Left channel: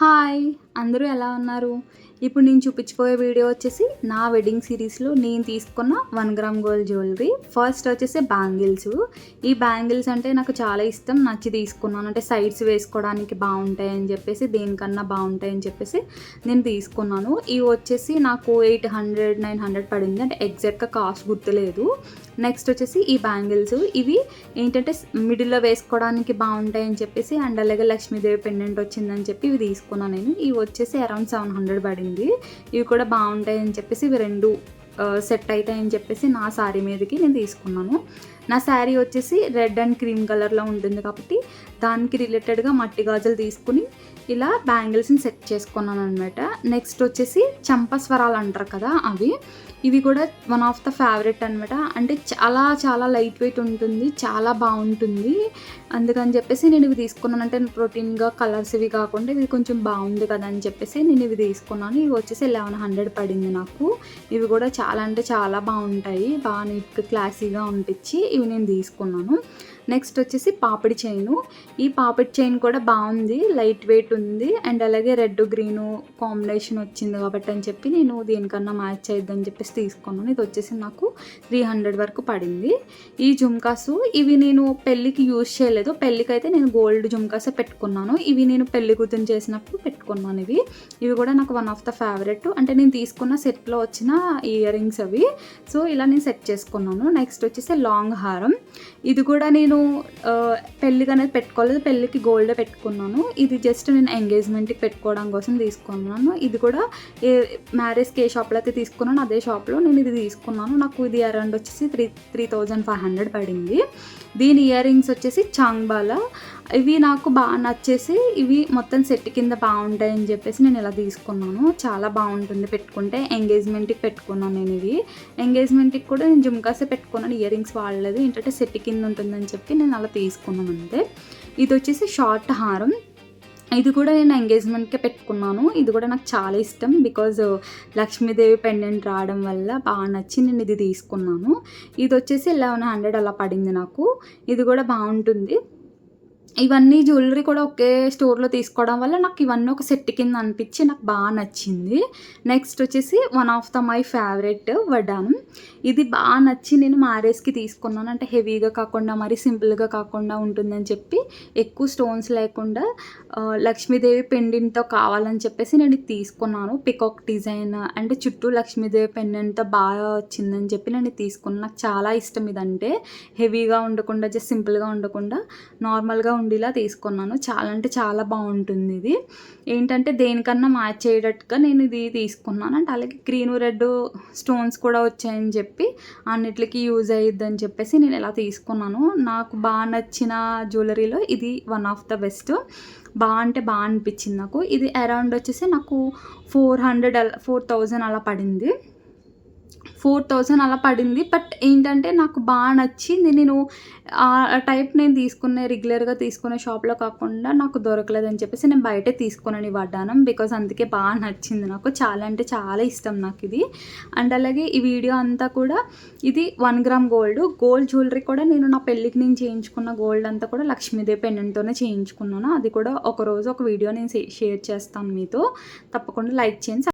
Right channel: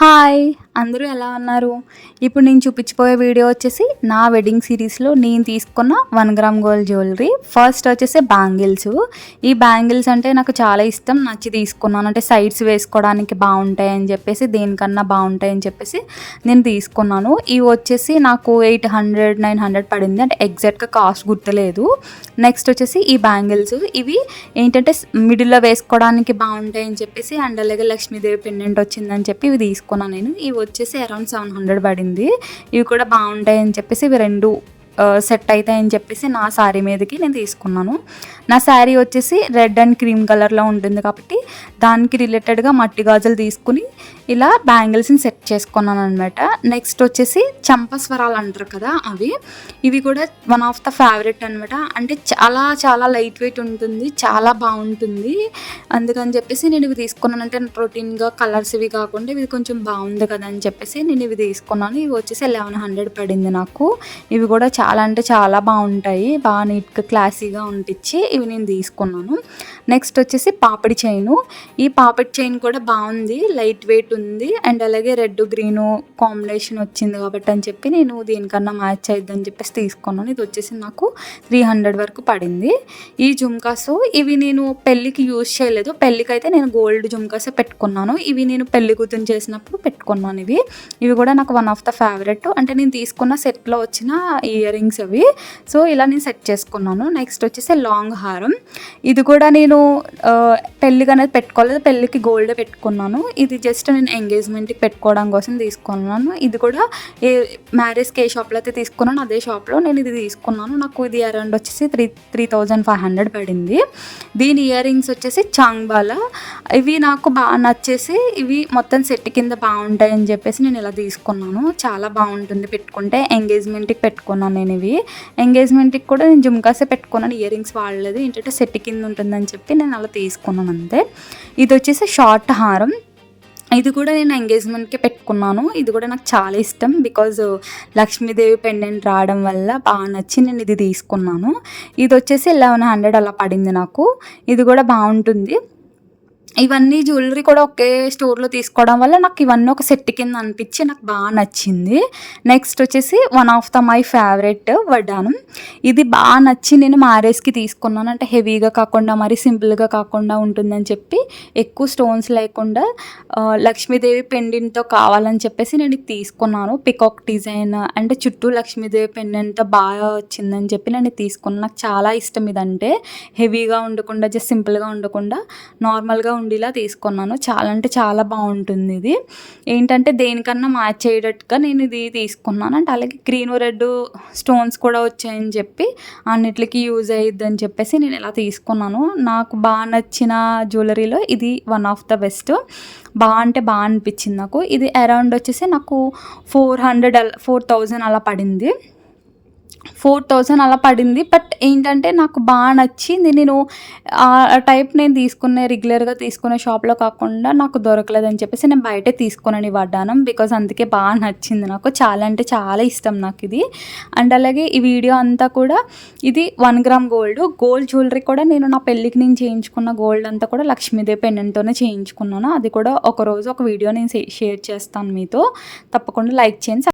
Hi! అందరూ ఎలా ఉన్నారు? ఇప్పుడు నేను చూపించబోయే వీడియో వచ్చేసి నా వెడ్డింగ్ సిరీస్‌లో నేను తీసుకున్న 1 గ్రామ్ గోల్డ్ జ్యువెలరీ. ఫస్ట్ వచ్చేసి బ్యాంగిల్స్. ఈ బ్యాంగిల్స్ అంటే నాకు చాలా ఇష్టం. నచ్చి తీసుకున్నాను. అంటే సైడ్స్ వేసుకోవడానికి బాగుంటాయని చెప్పేసి, దేనికన్నా బాగుంటాయని చెప్పేసి నేను తీసుకున్నాను. ఇవి వచ్చేసి నాకు 800, 900 పడింది. అంటే ఎగ్జాక్ట్‌గా కాస్ట్ గుర్తులేదు. నెక్స్ట్ వచ్చేసి ఈ బ్యాంగిల్స్. ఇవి ఏంటంటే మిడిల్‌లో వేసుకోవడానికి బాగుంటాయని చెప్పేసి, అండ్ అలాగే లక్ష్మీదేవి పెండెంట్ వచ్చిందని చెప్పి ఇవి తీసుకున్నాను నేను. ఇవి వచ్చేసి అరౌండ్ 700 పడింది. ఇవి కూడా బాగుంటాయని చెప్పేసి ఇవి 2 సెట్ అవుతాయని చెప్పేసి నా శారీ మీదకి నేను తీసుకున్నాను. నా శారీ వచ్చేసి రెడ్ అండ్ క్రీమ్ కలర్లో ఉంటుంది కాబట్టి దానికి రిలేటెడ్గా మట్టి గాజులు తీసుకుని ఇలా బ్యాంగిల్స్ని సెట్ చేసుకున్నాను అనమాట. నెక్స్ట్ వచ్చేసి చంపస్వరాలు అంటారు కదా, ఇవి కూడా వన్ ఆఫ్ ద ఫేవరెట్ అనమాట. అంటే చాలా చాలా లైట్ వెయిట్ ఉంటుంది, చాలా బాగుంటుంది. అందుకని చెప్పేసి నేను ఇవి తీసుకున్నాను. అంటే ప్రోటీన్గా కలర్స్ ఇవి కాకుండా ఇవి కొంచెం బాగుంది కదా అని చెప్పేసి నేను ఇవి తీసుకున్నాను. ఇవి వచ్చేసి 1100 పడింది నాకు. ఇవి కూడా చాలా అంటే చాలా బాగుంటాయి, బాగా నీట్గా క్లాసీగా ఉంటిచ్చి ఇవి నేను తీసుకున్నాను. నెక్స్ట్ వచ్చేసి పాపిడి చైను. ఈ పాపిడి చైన్ కూడా బాగుంది, లైట్ వెయిట్ ఉంది, అండ్ అలాగే రెడ్ గ్రీను కాంబినేషన్ వచ్చింది కాబట్టి అని చెప్పి నేను దీనికన్నా మ్యాచ్ అయిద్దని చెప్పేసి తీసుకున్నాను. ఇది వచ్చేసి నాకు 300 వరకు పడింది. ఈ జుమ్కాస్ ఇవి నేను పెళ్ళికి యూజ్ చేయలేదు. పెళ్ళికి అయితే నేను గోల్డ్ జుమ్కాసే పెట్టుకున్నాను. ఇవి నేను పెళ్లి కూతురు చేసినప్పుడు పెట్టుకున్నాను. ఇవి కూడా నాకు వన్ ఆఫ్ ద ఫేవరెట్. అంటే నేను తీసుకున్న సెట్లో వచ్చిన ఇయర్ రింగ్స్ అవి. సో ఇలా నేను సెట్ చేసుకున్నాను. నెక్స్ట్ వచ్చేసి లాంగ్ హారం. ఇది కూడా నేను పెళ్ళికి అనేది పెట్టుకోలేదు, పెళ్ళికి గోల్డ్ పెట్టుకున్నాను. ఇది జస్ట్ నేను ఎంగేజ్మెంట్కి పెట్టుకోవడం కోసం తీసుకున్నాను. ఇది కూడా మ్యారేజ్కి ఏ షాప్లో అయితే తీసుకున్నాను అదే షాప్లో నేను ఇది తీసుకున్నాను. నాకు ఇది అరౌండ్ వచ్చేసి 3500 పడింది. దీని ఇయర్ రింగ్స్ వచ్చేసి చాంగ్బాలా. ఇవి నాకు బాగా నచ్చేసి ఇవి మొత్తం సెట్ కింద బాగుంటాయని చెప్పేసి నేను ఇలా తీసుకున్నాను. చాలా బాగుంటుంది పెట్టుకుంటే. ఎంగేజ్మెంట్కి పెట్టుకున్నాను నేను ఇవి. ఎంగేజ్మెంట్కి కూడా నేను జుమ్కాసే పెట్టుకున్నాను, ఇయర్ రింగ్స్ వాడలేదు. ఏంటంటే సెట్ కింద ఉంటుందని చెప్పి నేను అలా తీసుకున్నాను అంతే. ఇది వచ్చేసి షార్ట్ హారం. ఇది కూడా నేను ఎంగేజ్మెంట్కి పెట్టుకున్నాను. ఇది కూడా నాకు చాలా ఇష్టం, బికాజ్ లక్ష్మీదేవి పెండెంట్ రావడం వల్ల బాగా నచ్చి నేను ఇది తీసుకున్నాను. ఇది వచ్చేసి 1100 అలా పడింది నాకు. ఇది కూడా బాగుంటుంది. ఇవన్నీ జ్యువెలరీ కూడా ఒకే స్టోర్లో తీసుకోవడం వల్ల నాకు ఇవన్నీ ఒక సెట్ కింద అనిపించి నాకు బాగా నచ్చింది. నెక్స్ట్ వచ్చేసి one of the my favourite వడ్డానం. ఇది బాగా నచ్చి నేను మ్యారేజ్కి తీసుకున్నాను. అంటే హెవీగా కాకుండా మరి సింపుల్గా కాకుండా ఉంటుందని చెప్పి, ఎక్కువ స్టోన్స్ లేకుండా లక్ష్మీదేవి పెండెంట్తో కావాలని చెప్పేసి నేను ఇది తీసుకున్నాను. పికాక్ డిజైన్ అంటే చుట్టూ లక్ష్మీదేవి పెండెంట్తో బాగా వచ్చిందని చెప్పి నేను తీసుకున్నాను. నాకు చాలా ఇష్టం ఇదంటే. హెవీగా ఉండకుండా జస్ట్ సింపుల్గా ఉండకుండా నార్మల్గా ఉండేలా తీసుకున్నాను. చాలా అంటే చాలా బాగుంటుంది. ఇది ఏంటంటే దేనికన్నా మ్యాచ్ అయ్యేటట్టుగా నేను ఇది తీసుకున్నాను. అంటే అలాగే గ్రీన్ రెడ్ స్టోన్స్ కూడా వచ్చాయని చెప్పి అన్నిటికీ యూజ్ అయ్యిద్దని చెప్పేసి నేను ఇలా తీసుకున్నాను. నాకు బాగా నచ్చిన జ్యువెలరీలో ఇది వన్ ఆఫ్ ద బెస్ట్. బాగా అంటే బాగా అనిపించింది నాకు. ఇది అరౌండ్ వచ్చేసి నాకు 4000 అలా పడింది. 4000 అలా పడింది. బట్ ఏంటంటే నాకు బాగా నచ్చింది. నేను ఆ టైప్ నేను రెగ్యులర్గా తీసుకునే షాప్లో కాకుండా నాకు దొరకలేదని చెప్పేసి నేను బయటే తీసుకున్నాను ఈ వడ్డానం. బికాజ్ అందుకే బాగా నచ్చింది నాకు. చాలా అంటే చాలా ఇష్టం నాకు ఇది. అండ్ అలాగే ఈ వీడియో అంతా కూడా ఇది 1 గ్రామ్ గోల్డ్ జ్యువెలరీ కూడా నేను నా పెళ్ళికి నేను చేయించుకున్న గోల్డ్ అంతా కూడా లక్ష్మీదేవి పెండెంట్తోనే చేయించుకున్నాను. అది కూడా ఒకరోజు ఒక వీడియో నేను షేర్ చేస్తాను మీతో. తప్పకుండా లైక్ చేయండి.